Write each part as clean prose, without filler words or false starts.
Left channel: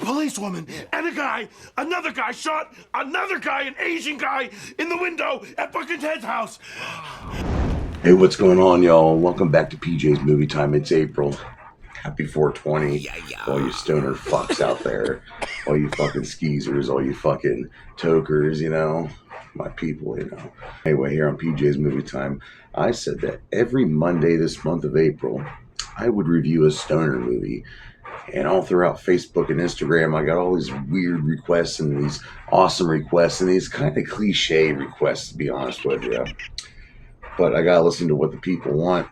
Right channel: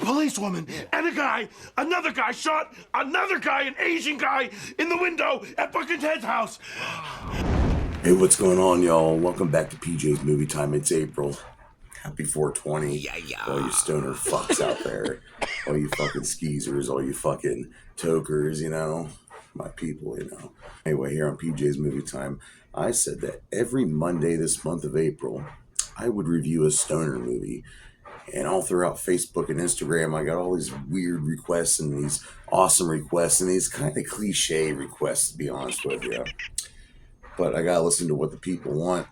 policewoman, and another guy shot another guy, an Asian guy, in the window at fucking Ted's house. Hey, what's going on, y'all? Welcome back to PJ's Movie Time. It's April. Happy 420. Yeah. All you stoner fucks out there. All you fucking skeezers, all you fucking tokers, you know. My people, you know. Anyway, here on PJ's Movie Time, I said that every Monday this month of April, I would review a stoner movie. And all throughout Facebook and Instagram, I got all these weird requests and these awesome requests and these kind of cliche requests, to be honest with you. But I gotta listen to what the people want.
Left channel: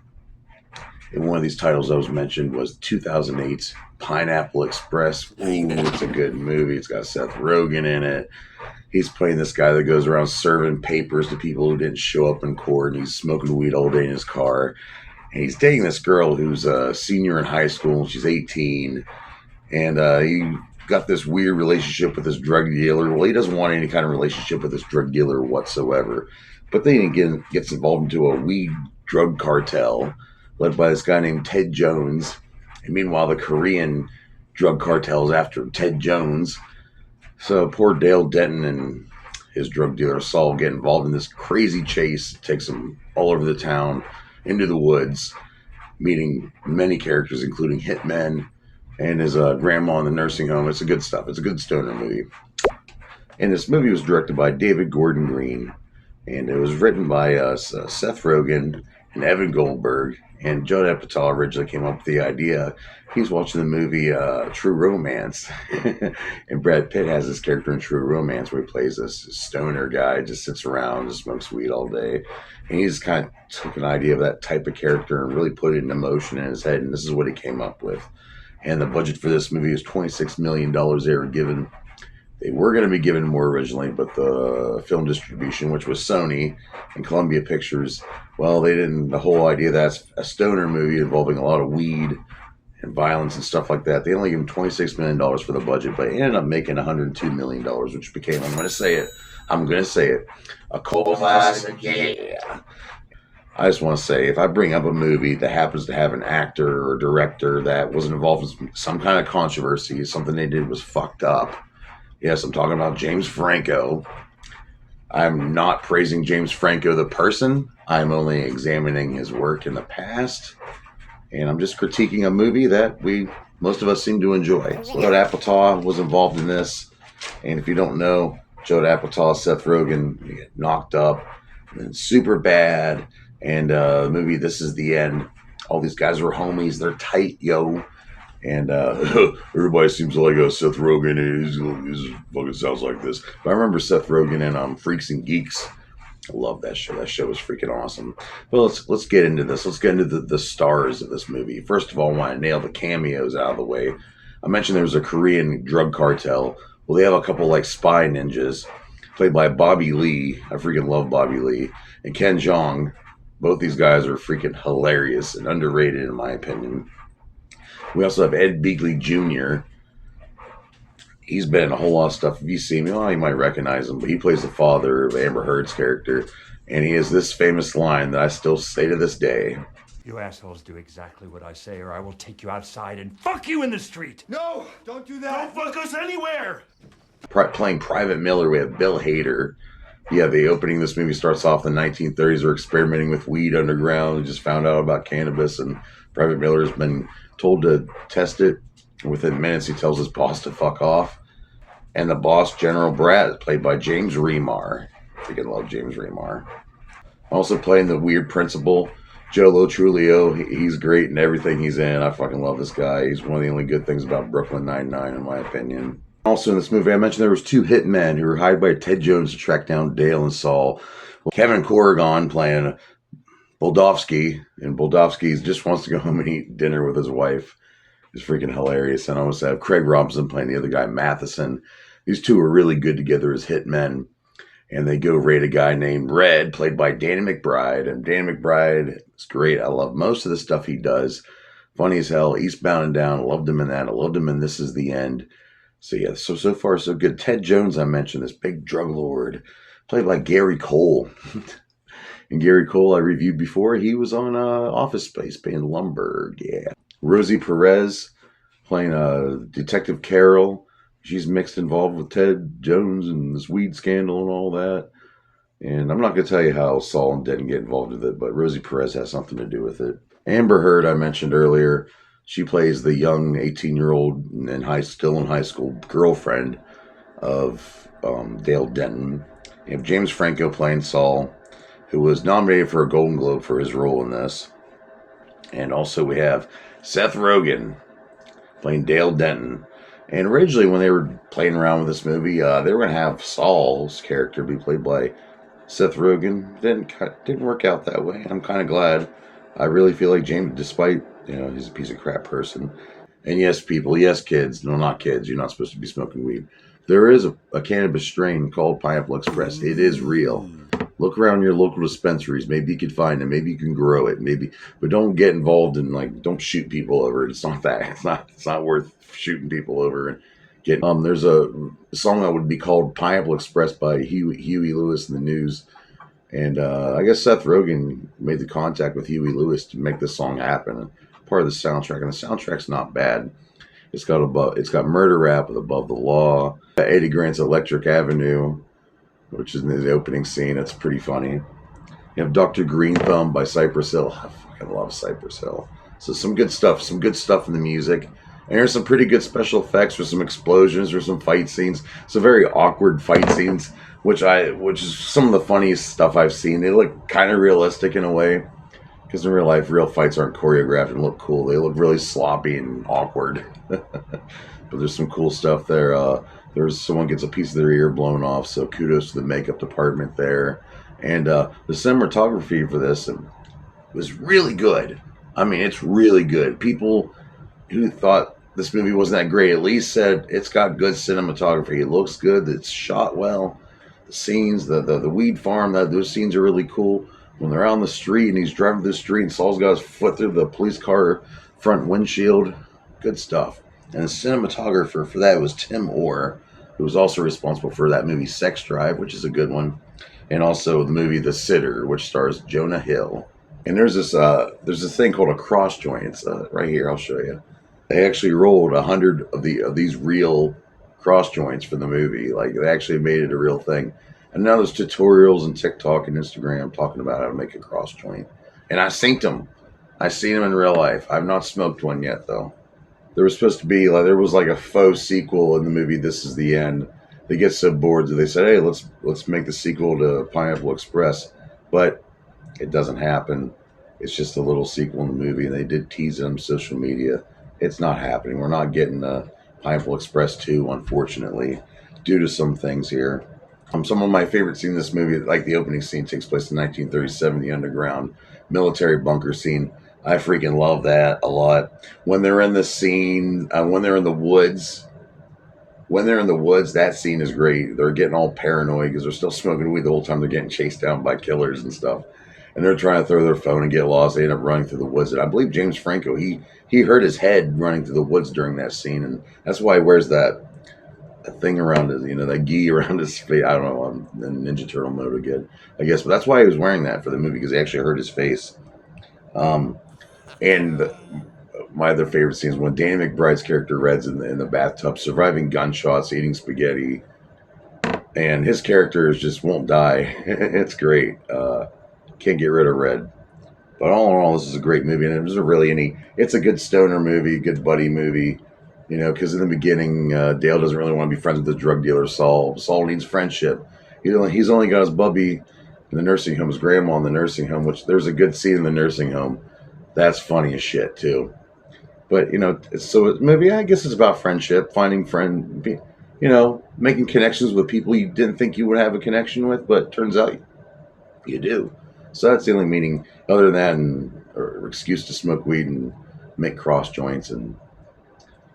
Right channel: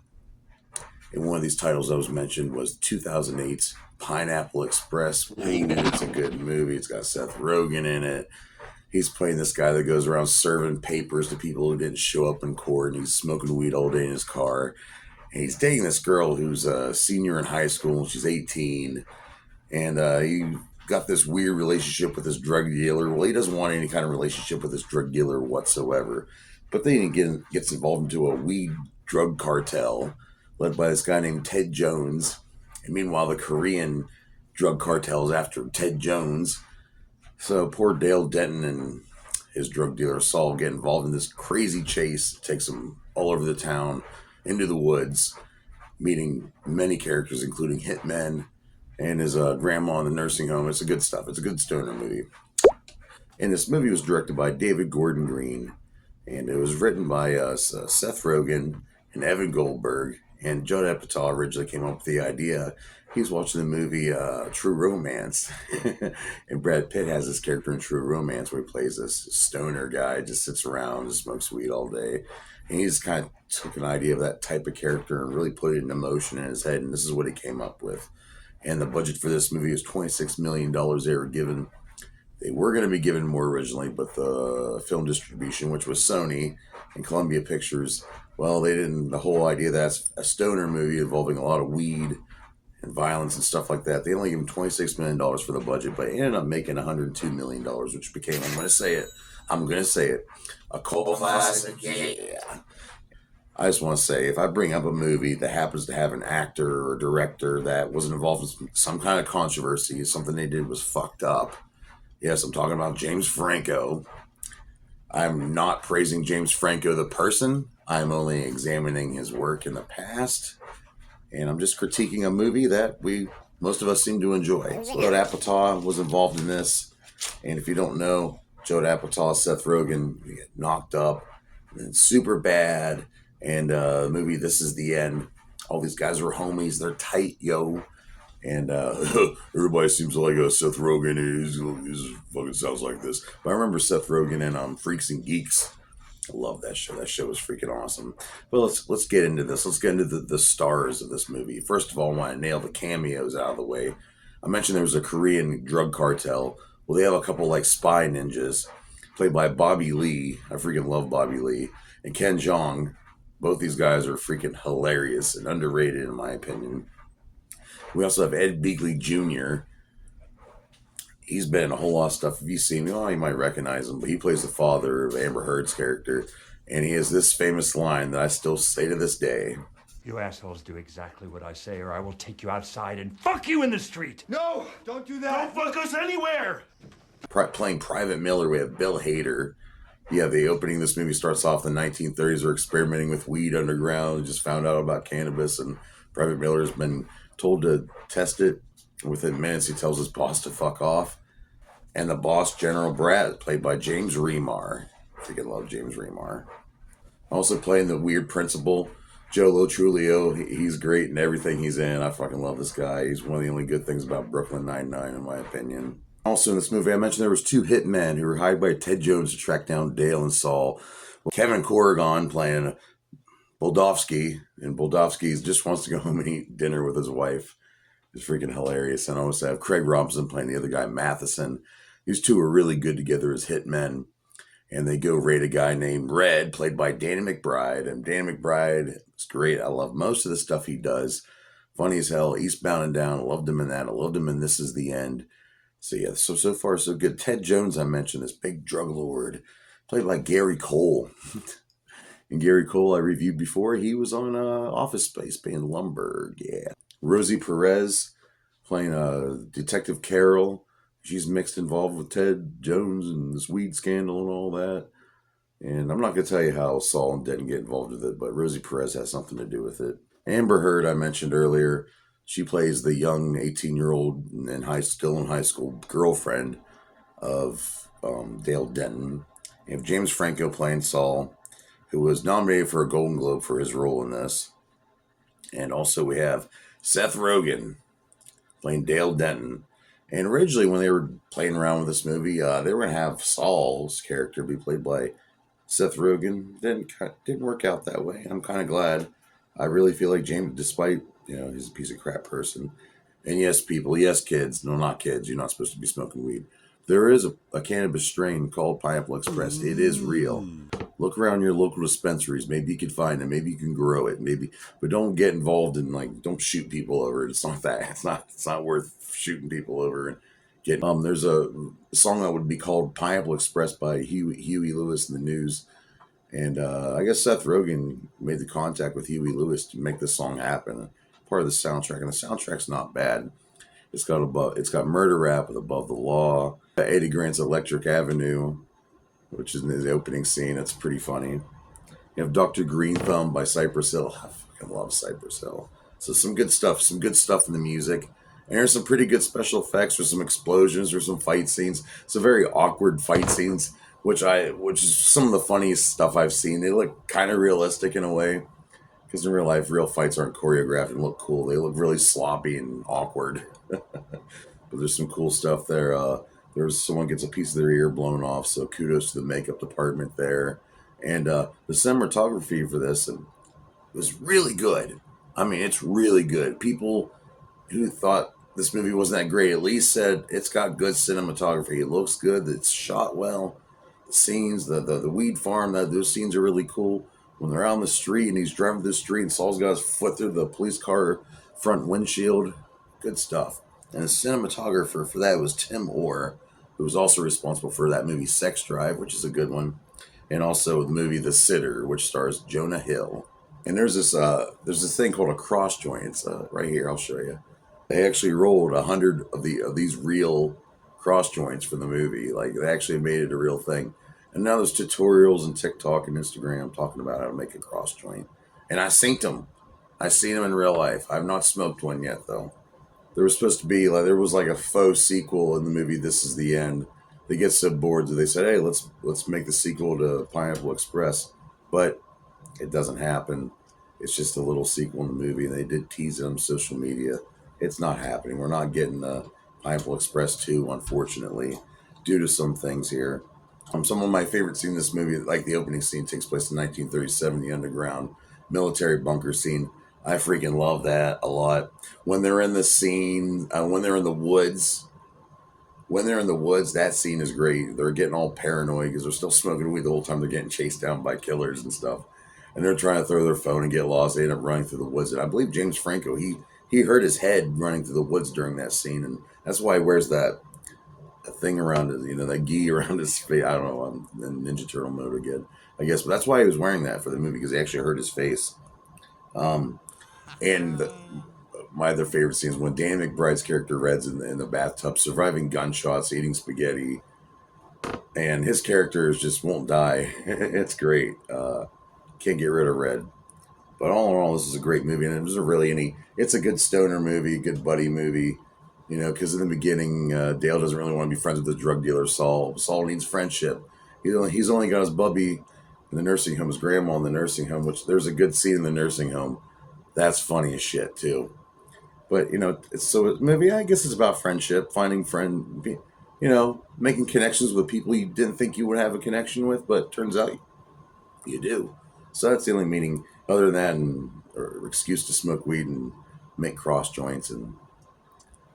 And one of these titles that was mentioned was 2008's PineappleExpress. It's a good movie. It's got Seth Rogen in it. He's playing this guy that goes around serving papers to people who didn't show up in court. And he's smoking weed all day in his car. And he's dating this girl who's a senior in high school. She's 18. And he got this weird relationship with this drug dealer. Well, he doesn't want any kind of relationship with this drug dealer whatsoever. But then again, gets involved into a weed drug cartel led by this guy named Ted Jones. And meanwhile, the Korean drug cartel is after Ted Jones. So poor Dale Denton and his drug dealer Saul get involved in this crazy chase. It takes them all over the town, into the woods, meeting many characters, including hitmen and his grandma in the nursing home. It's a good stuff. It's a good stoner movie. And this movie was directed by David Gordon Green. And it was written by Seth Rogen and Evan Goldberg. And Judd Apatow originally came up with the idea. He's watching the movie True Romance. And Brad Pitt has this character in True Romance where he plays this stoner guy, just sits around, just smokes weed all day. And he just kind of took an idea of that type of character and really put it into motion in his head. And this is what he came up with. And the budget for this movie was $26 million they were given. They were going to be given more originally, but the film distribution, which was Sony and Columbia Pictures, well, they didn't, the whole idea that's a stoner movie involving a lot of weed and violence and stuff like that. They only gave him $26 million for the budget, but he ended up making $102 million, which became, I'm going to say it, a cult classic. Yeah. I just want to say, if I bring up a movie that happens to have an actor or director that was involved in some kind of controversy, something they did was fucked up. Yes, I'm talking about James Franco. I'm not praising James Franco the person. I'm only examining his work in the past. And I'm just critiquing a movie that most of us seem to enjoy. Judd Apatow was involved in this. And if you don't know, Judd Apatow, Seth Rogen, they get knocked up. And super bad. And the movie, This Is the End. All these guys are homies. They're tight, yo. And everybody seems like Seth Rogen is fucking sounds like this. But I remember Seth Rogen in Freaks and Geeks. I love that show. That show was freaking awesome. But let's get into this. Let's get into the stars of this movie. First of all, I want to nail the cameos out of the way. I mentioned there was a Korean drug cartel. Well, they have a couple like spy ninjas played by Bobby Lee. I freaking love Bobby Lee. And Ken Jeong. Both these guys are freaking hilarious and underrated in my opinion. We also have Ed Begley Jr. He's been in a whole lot of stuff. If you see him, you might recognize him, but he plays the father of Amber Heard's character. And he has this famous line that I still say to this day. You assholes do exactly what I say, or I will take you outside and fuck you in the street. No, don't do that. Don't fuck us anywhere. Playing Private Miller, we have Bill Hader. Yeah, the opening of this movie starts off in the 1930s. They're experimenting with weed underground. They just found out about cannabis, and Private Miller's been told to test it. Within minutes, he tells his boss to fuck off. And the boss, General Brad, played by James Remar. I freaking love James Remar. Also playing the weird principal, Joe Lo Truglio. He's great in everything he's in. I fucking love this guy. He's one of the only good things about Brooklyn Nine-Nine, in my opinion. Also in this movie, I mentioned there was two hitmen who were hired by Ted Jones to track down Dale and Saul. Kevin Corrigan playing Boldovsky, and Boldovsky just wants to go home and eat dinner with his wife. It's freaking hilarious. And I also have Craig Robinson playing the other guy, Matheson. These two are really good together as hitmen. And they go raid a guy named Red, played by Danny McBride. And Danny McBride is great. I love most of the stuff he does. Funny as hell. Eastbound and Down. I loved him in that. I loved him in This Is the End. So yeah, so far so good. Ted Jones, I mentioned, this big drug lord, played by Gary Cole. And Gary Cole, I reviewed before. He was on Office Space, playing Lumbergh. Yeah. Rosie Perez, playing Detective Carol. she's mixed involved with Ted Jones and this weed scandal and all that. And I'm not going to tell you how Saul and didn't get involved with it, but Rosie Perez has something to do with it. Amber Heard, I mentioned earlier, she plays the young 18-year-old and still in high school girlfriend of Dale Denton. You have James Franco playing Saul, who was nominated for a Golden Globe for his role in this. And also we have Seth Rogen playing Dale Denton. And originally, when they were playing around with this movie, they were going to have Saul's character be played by Seth Rogen. Didn't work out that way. I'm kind of glad. I really feel like James, despite he's a piece of crap person. And yes, people, yes, kids. No, not kids. You're not supposed to be smoking weed. There is a cannabis strain called Pineapple Express. It is real. Look around your local dispensaries. Maybe you could find it. Maybe you can grow it. Maybe, but don't get involved in don't shoot people over it. It's not that. It's not worth shooting people over and getting. There's a song that would be called Pineapple Express by Huey Lewis and the News, and I guess Seth Rogen made the contact with Huey Lewis to make this song happen. Part of the soundtrack, and the soundtrack's not bad. It's got Murder Rap with Above the Law. Eddie Grant's Electric Avenue, which is in the opening scene. It's pretty funny. You have Dr. Green Thumb by Cypress Hill. I fucking love Cypress Hill. So some good stuff in the music. And there's some pretty good special effects. There's some explosions. There's some fight scenes. Some very awkward fight scenes, which is some of the funniest stuff I've seen. They look kind of realistic in a way. Because in real life, real fights aren't choreographed and look cool. They look really sloppy and awkward. But there's some cool stuff there. There's someone gets a piece of their ear blown off, so kudos to the makeup department there. And the cinematography for this was really good. I mean, it's really good. People who thought this movie wasn't that great at least said it's got good cinematography. It looks good. It's shot well. The scenes, the weed farm, those scenes are really cool. When they're out on the street and he's driving through the street and Saul's got his foot through the police car front windshield. Good stuff. And the cinematographer for that was Tim Orr, who was also responsible for that movie Sex Drive, which is a good one. And also the movie The Sitter, which stars Jonah Hill. And there's this thing called a cross joint. It's right here, I'll show you. They actually rolled 100 of these real cross joints for the movie. Like, they actually made it a real thing. And now there's tutorials on TikTok and Instagram talking about how to make a cross joint. And I synced them. I seen them in real life. I've not smoked one yet, though. There was supposed to be, there was like a faux sequel in the movie This Is the End. They get so bored that they said, hey, let's make the sequel to Pineapple Express. But it doesn't happen. It's just a little sequel in the movie, and they did tease it on social media. It's not happening. We're not getting Pineapple Express 2, unfortunately, due to some things here. Some of my favorite scenes in this movie, like the opening scene, takes place in 1937, the underground military bunker scene. I freaking love that a lot. When they're in the scene, when they're in the woods, that scene is great. They're getting all paranoid because they're still smoking weed the whole time. They're getting chased down by killers and stuff. And they're trying to throw their phone and get lost. They end up running through the woods. And I believe James Franco, he hurt his head running through the woods during that scene. And that's why he wears that thing around his, that gi around his face. I don't know. I'm in Ninja Turtle mode again, I guess. But that's why he was wearing that for the movie, because he actually hurt his face. My other favorite scenes when Danny McBride's character Red's in the bathtub, surviving gunshots, eating spaghetti, and his character just won't die. It's great. Can't get rid of Red. But all in all, this is a great movie, and it wasn't really it's a good stoner movie, good buddy movie, because in the beginning, Dale doesn't really want to be friends with the drug dealer Saul. Saul needs friendship. He's only got his bubby in the nursing home, his grandma in the nursing home, which there's a good scene in the nursing home. That's funny as shit, too. But, so maybe I guess it's about friendship, finding making connections with people you didn't think you would have a connection with, but turns out you do. So that's the only meaning other than or excuse to smoke weed and make cross joints and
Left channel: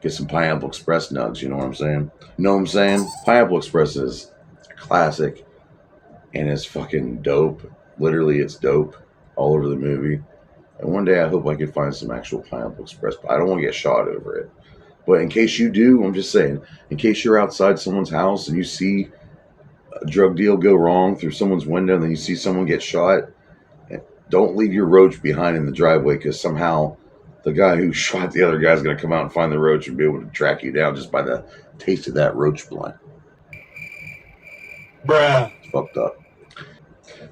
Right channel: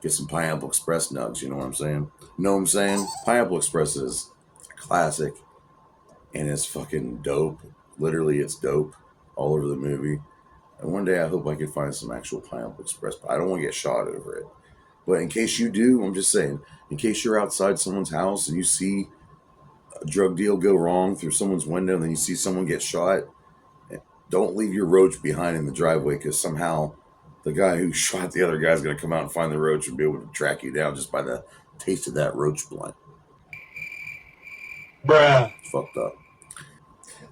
get some Pineapple Express nugs. You know what I'm saying? You know what I'm saying? Pineapple Express is a classic and it's fucking dope. Literally, it's dope all over the movie. And one day I hope I can find some actual Pineapple Express, but I don't want to get shot over it. But in case you do, I'm just saying, in case you're outside someone's house and you see a drug deal go wrong through someone's window and then you see someone get shot, don't leave your roach behind in the driveway, because somehow the guy who shot the other guy is going to come out and find the roach and be able to track you down just by the Tasted that roach blunt. Bruh. It's fucked up.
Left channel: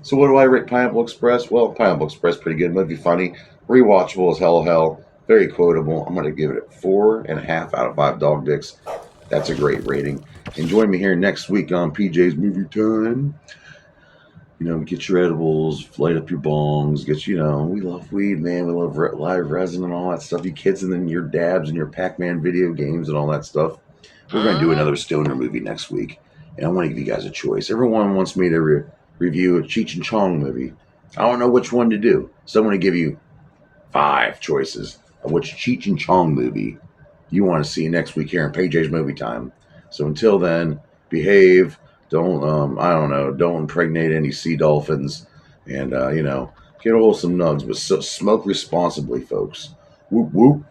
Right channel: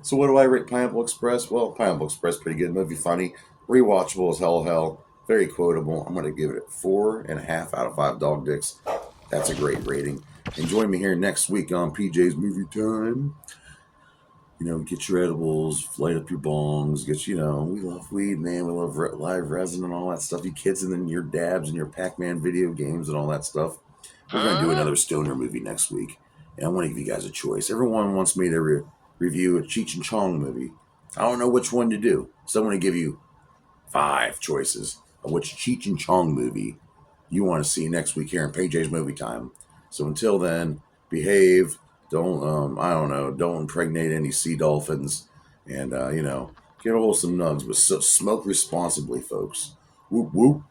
So what do I rate Pineapple Express? Well, Pineapple Express, pretty good movie, funny, rewatchable as hell, very quotable. I'm gonna give it 4.5 out of 5 dog dicks. That's a great rating. And join me here next week on PJ's Movie Time. You know, get your edibles, light up your bongs, we love weed, man. We love live resin and all that stuff. You kids and then your dabs and your Pac-Man video games and all that stuff. We're going to do another stoner movie next week. And I want to give you guys a choice. Everyone wants me to review a Cheech and Chong movie. I don't know which one to do. So I'm going to give you 5 choices of which Cheech and Chong movie you want to see next week here in PJ's Movie Time. So until then, behave. Don't don't impregnate any sea dolphins, and get a hold of some nugs, but smoke responsibly, folks. Whoop whoop.